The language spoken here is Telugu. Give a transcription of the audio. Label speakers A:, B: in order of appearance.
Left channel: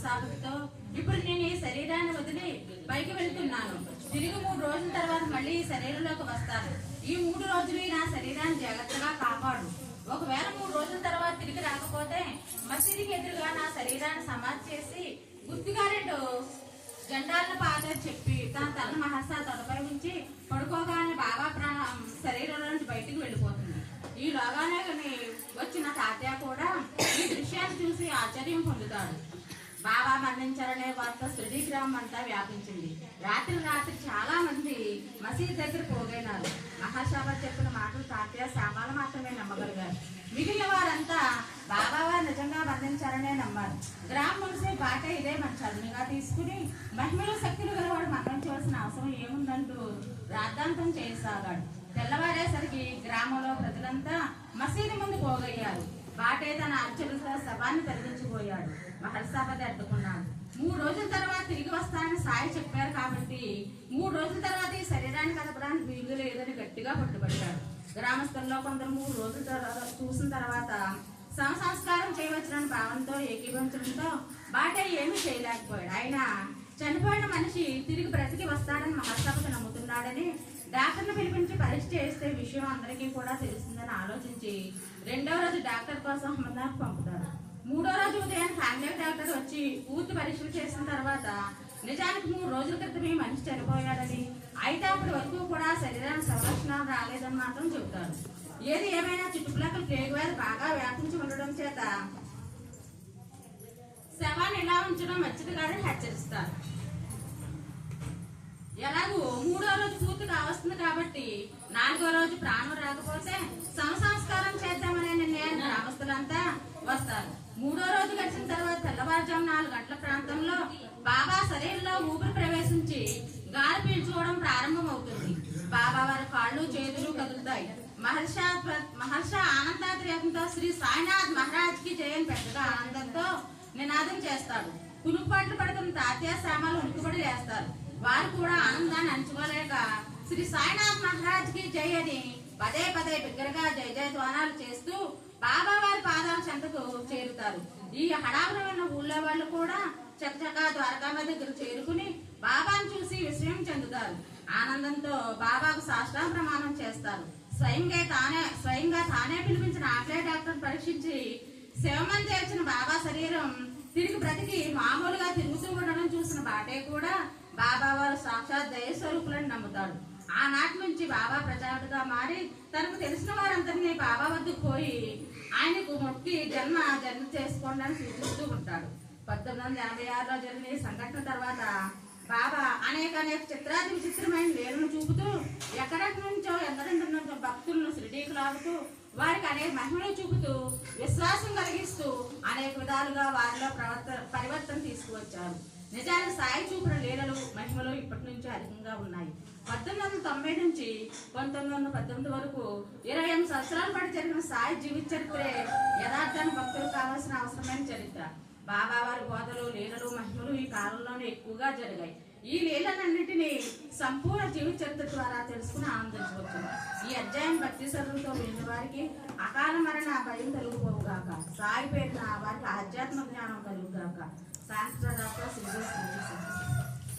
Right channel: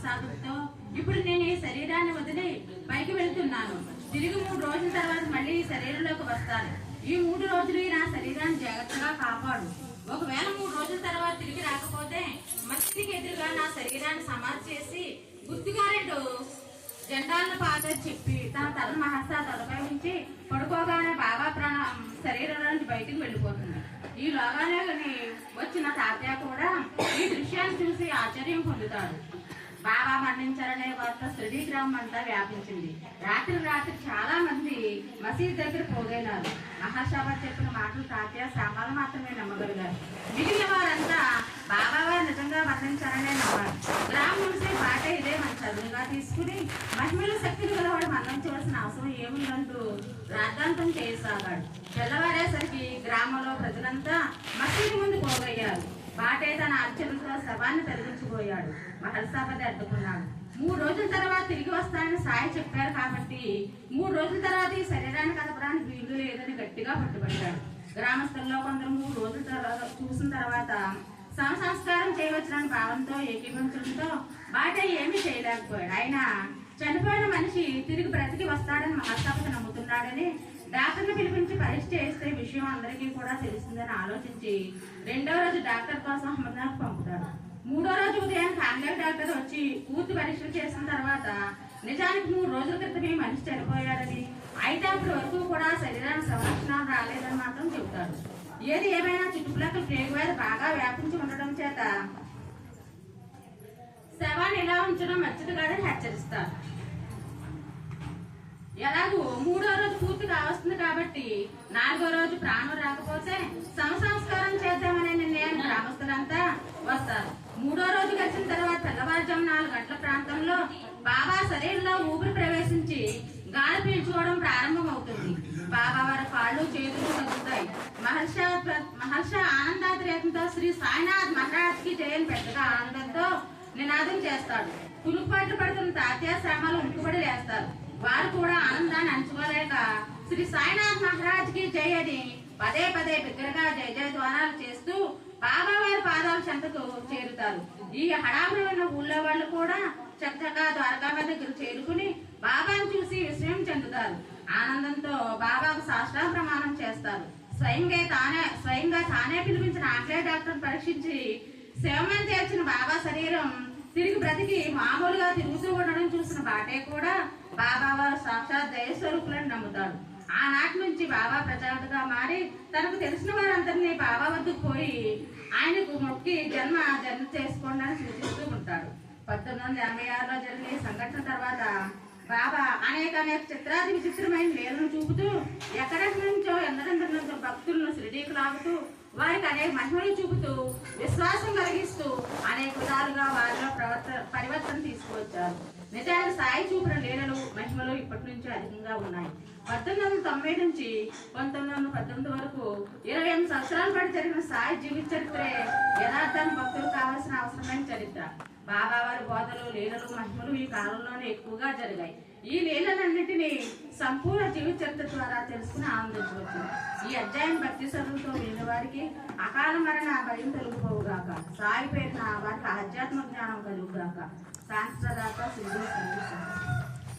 A: మనస్తాపంతో ఇప్పుడు నేను ఈ శరీరాన్ని వదిలి పైకి వెళ్తున్నాను. తిరిగి మూడు రోజుల తర్వాత మళ్ళీ ఈ శరీరంలోకి వస్తాను. ఈ మూడు రోజులు నా శరీరాన్ని జాగ్రత్తగా కాపాడు. ఒకవేళ మూడు రోజుల తర్వాత తిరిగి రాకపోతే మసీదికి ఎదురుగా నా శరీరాన్ని సమాధి చేసి గుర్తుగా రెండు జెండాలను పాత్ర చెప్పి తన తల మహస్తా తలపై ఉంచి పడుకోగానే బాగా ప్రాణ శరీరం నుంచి బయటికి వెళ్ళిపోతుంది. ఈ లోగానే వచ్చిన తాతయ్య కూడా ఈ దృశ్యాన్ని చూసి ఆశ్చర్యం పొందుతాడు. బాబా మరణించారనే వార్త శిరిడి గ్రామం అంతా వ్యాపించింది. రాత్రి రాత్రి చాలా మంది మసీద్ దగ్గర పోగైనారు. మహాశాబా చెప్పిన మాటలు తాతయ్య శాపాలు మాత్రమే నమ్మగలిగారు. మిగిలిన వారంతా బాబావారు నిజంగా మరణించారనే నమ్మారు. గ్రామం పాట ఇదే మన చదువుగా తీసుకుని మహిళల శక్తులు గలవాడు మరణించవలసిన అవసరం ఏముందంటూ రాద్ధాంతం చేయసాగాడు. తెల్లవారేసరికి గ్రామంలో ప్రజలంతా మసీదు ముందు పోగయ్యారు. బాటే తన అర్చనతో శవాన్ని తరలించిపోయాడు మహర్సాపతి అడ్డుకున్నాడు. మూడు రోజుల తర్వాత తిరిగి వస్తానని సాయి చెప్పారు కాబట్టి మూడు రోజుల తర్వాత ఈ శరీరాన్ని కదపడానికి వీలు లేదని గట్టిగా పట్టుబట్టాడు. గ్రామస్తుల్లో కొందరు మూడు రోజుల తర్వాత చూసిన తర్వాత సమ సంస్కారం చేయవచ్చునని భావంతో ఏకీభవించడంతో బాటే ఏమీ చేయలేకపోయాడు. అయినా చనిపోయిన మనిషి తిరిగి బ్రతికి వస్తాడని మహర్సభకు నమ్ముతున్నాడని డాక్టర్ని పిలిపించి పరీక్ష చేస్తే విషయం అందరికీ కూడా తెలుస్తుందని ఆలోచించి రెండవ రోజు డాక్టర్ కోసం అమర్నాథ్ పంపుతాడు మూడో రోజు ఉదయం ఫ్యామిలీ డాక్టర్ వచ్చి పూర్తి పరీక్షలు చేసిన తర్వాత నిజానికి మూడు రోజుల క్రితం ఈ మనిషి చనిపోయాడని. అయితే అప్పటి వరకు కూడా శరీరానికి సంరక్షణ రాలేదని మాత్రం చెబుతాడు ఏది ఏమైనా చుట్టుపక్కల ప్లేగు వ్యాధి బాగా వ్యాపించి ఉండడం చేత శవాన్ని ఇలా ఉంచడం మంచిది కాదని హెచ్చరిస్తారు. ఎలాగో మూడో రోజు పూర్తి కావస్తుంది కాబట్టి నాలుగో రోజు ప్రాణం రాకపోతే పదేళ్ళలో శరీరంలో ఊపిరి ప్రవేశించి గాలి పీల్చుకోవడం ప్రారంభం అవుతుంది బాబా వారి కాళ్ళు చేతులు కదులుతాయి. మహర్ష మహర్ష ఆనందాతిరేకంతో శ్రీ సాయినాథ్ మహారాజ్కి జయని పెద్దగా ఆనందంతో నినాదం చేస్తాడు. పులుపాట్లు పడుతున్న తాత్యా శ్యామాలు ఉనికిపడి లేస్తారు. వారు కూడా ఆనందాన్ని అంచుకోలేక శ్రీ సాయినాథ్ మహారాజ్కి జయ అని పదే పదే బిగ్గరగా జయ జయ ధ్వానాలు చేస్తూ బాబా వారి పాదాల చెంతకు చేరుతారు. ఈ హడావుడి ఉన్న ఊళ్ళో వాళ్ళు కూడా చక్కగా ద్వారకామ దగ్గర చేరుకుని బాబాను చూసి విస్మయం చెందుతారు. ఆనందంతో బాబాకు సాష్టాంగ ప్రమాణం చేస్తారు. స్వయంగా తానే స్వయంగా తానే పిలిపించిన ఆకలే డాక్టర్ పరీక్షించి శివమని చేర్చిన బాబా శరీరం తిరిగి బ్రతికి మామూలుగా తిరుగుతూ ఉండడం చూసిన బాటే కూడా బాబా వారు సాక్షాత్ దయస్వరూపులను నమ్ముతాడు. ఆనాటి నుంచి బాబా ప్రజాపతిగా మారి తనకు తెలిసిన వారందరినీ బాబా వద్దకు పోయి ఆయనకు మొక్కి జన్మ జన్మ చేసుకోండి అని పంతొమ్మిది వందల ఎనభై ఆరులో జరిగిన సంఘటన తర్వాత బాబా అనేక అనేక చిత్రాది విచిత్రమైన వేలను చూపుతూ ఎక్కడెక్కడి నుంచో ఎందరెందరి నుంచో భక్తులను షిరిడీకి లాగుతూ వారికి అనేక మహిమలు చూపుతూ విశ్వాసం కలిగిస్తూ అనేక విధాలుగా వారిలో ప్రవర్త పరివర్తన తీసుకువచ్చారు. నిజానికి సాయి చూపిన లీలలు మహిమలు ఇప్పటి నుంచి అధికంగా ఉన్నాయి. పంతొమ్మిది వందల తొంభై నుంచి పంతొమ్మిది వందల పద్దెనిమిది వరకు ఇరవై ఎనిమిది సంవత్సరాల పాటు జరిగిన సాయి జీవిత చరిత్రే యథార్థాన్ని భక్తులు కావాల్సిన అవసరమైన చరిత్ర. బాబావారి బోధలు లీలలు మహిమలు ఈ కాలంలోనే ఎక్కువగా జరిగాయి. ఈ లీలలన్నింటినీ సంపూర్ణ జీవిత చరిత్ర ద్వారా తెలుసుకుని ఆనందించవచ్చు ఈ అధ్యాయం భక్తి సరులతో లేని వారికి అకాల మరణ భయం కలుగుపోవుగాక సాగిపోయిన వారికి ఆధ్యాత్మ జ్ఞానం కలుగుగాక. శాస్త్రదాత శ్రీ శ్రీ.